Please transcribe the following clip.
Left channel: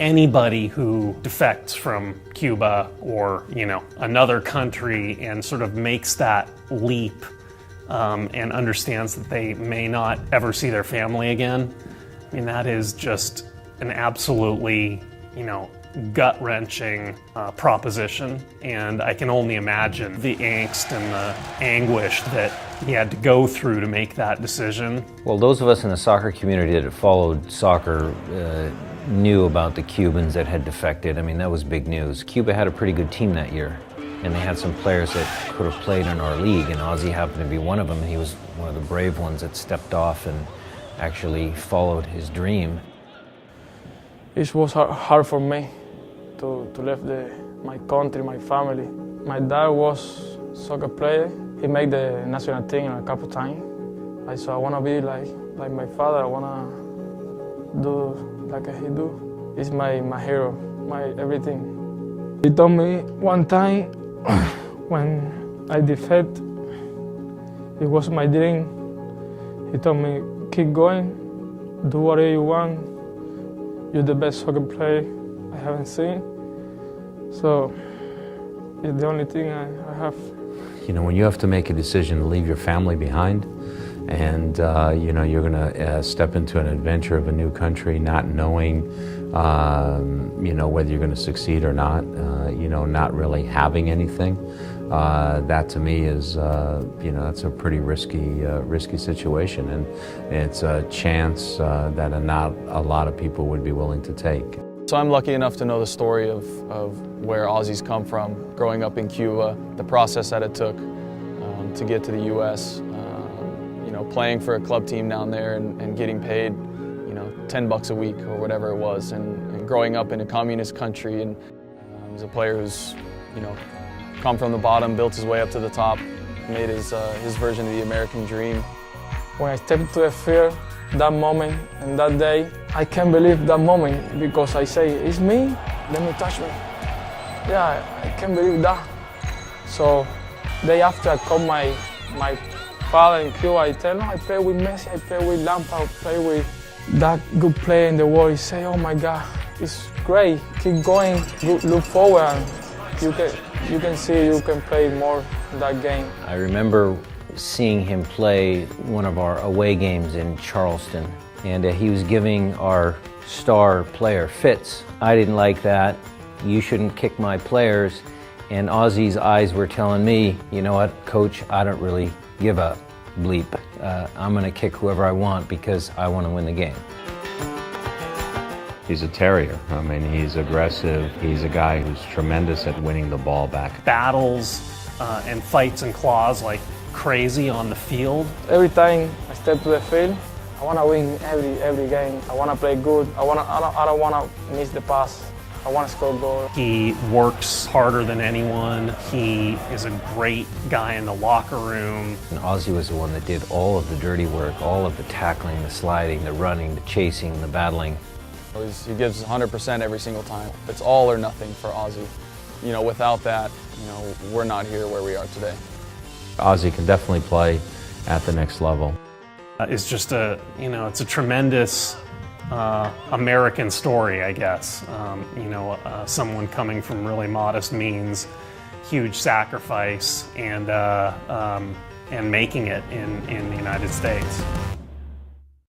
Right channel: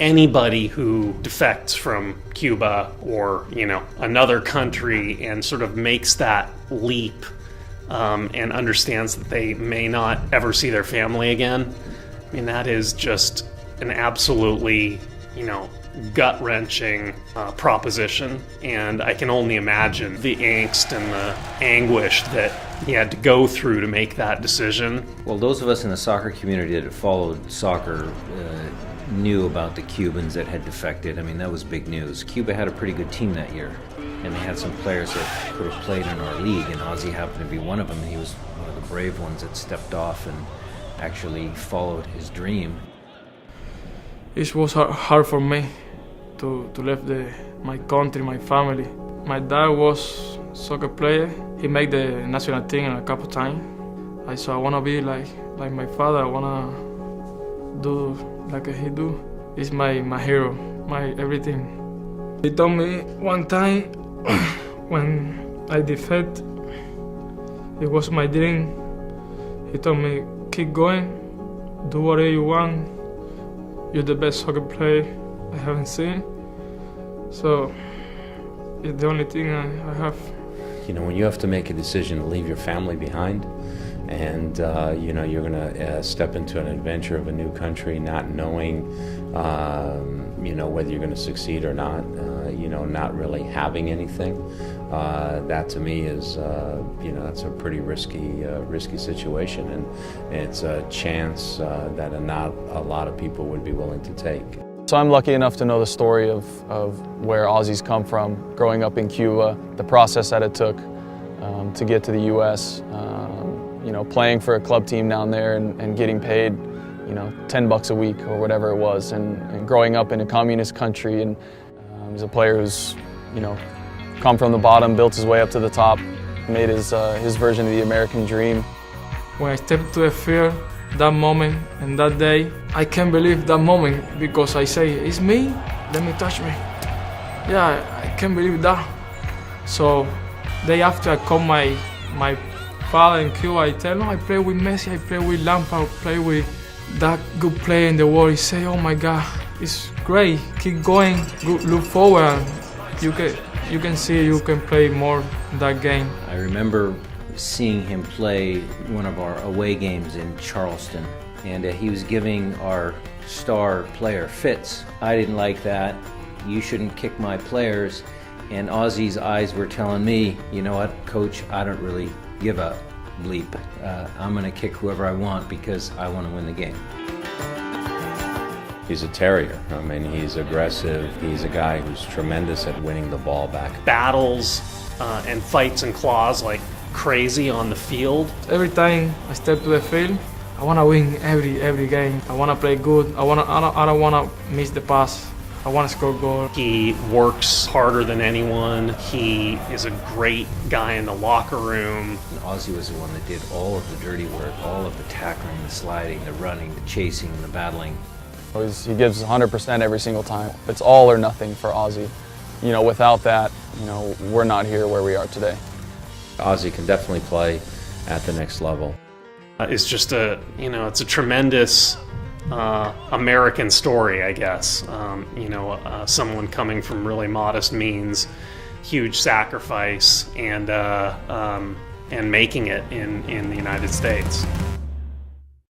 anybody who defects from Cuba or, another country and sort of makes that leap and understands that they may not ever see their family again, I mean, that is just an absolutely, gut-wrenching proposition. And I can only imagine the angst and the anguish that he had to go through to make that decision. Well, those of us in the soccer community that had followed soccer knew about the Cubans that had defected. I mean, that was big news. Cuba had a pretty good team that year, and they had some players that could have played in our league, and Ozzy happened to be one of them. He was one of the brave ones that stepped off and actually followed his dream. It was hard for me to leave my country, my family. My dad was a soccer player. He made the national team a couple times. So I want to be like my father. I want to do like he do. He's my hero, my everything. He told me one time when I defected, it was my dream. He told me, keep going, do whatever you want. You're the best soccer player I haven't seen. So it's the only thing I have. When you have to make a decision to leave your family behind, and you're going to step into an adventure of a new country, not knowing, whether you're going to succeed or not, not really having anything. That to me is, that's a pretty risky situation, and it's a chance that not a lot of people would be willing to take. So I'm lucky enough to know the story of where Ozzy's come from, growing up in Cuba, the process that it took to get to the U.S., playing for a club team down there and getting paid, $10 a week or whatever it was, and growing up in a communist country, and he's a player who's, come from the bottom, built his way up to the top, made his version of the American dream. When I stepped to the field, that moment and that day, I can't believe that moment because I say, it's me, let me touch me. Yeah, I can't believe that. So, day after I call my father in Cuba, I tell him I play with Messi, I play with Lampard, I play with that good player in the world. He say, oh my God, it's great, keep going, look forward. You can see you can play more that game. I remember seeing him play one of our away games in Charleston, and he was giving our star player fits. I didn't like that. You shouldn't kick my players. And Ozzy's eyes were telling me, you know what, coach, I don't really give a bleep. I'm going to kick whoever I want because I want to win the game. He's a terrier. I mean, he's aggressive. He's a guy who's tremendous at winning the ball back. Battles and fights and claws like crazy on the field. Every time I step to the field, I want to win every game. I want to play good. I don't want to miss the pass. I want to score goals. He works harder than anyone. He is a great guy in the locker room. And Ozzy was the one that did all of the dirty work, all of the tackling, the sliding, the running, the chasing, the battling. He gives 100% every single time. It's all or nothing for Ozzy. Without that, we're not here where we are today. Ozzy can definitely play at the next level. It's just it's a tremendous American story, I guess. Someone coming from really modest means, huge sacrifice, and making it in the United States.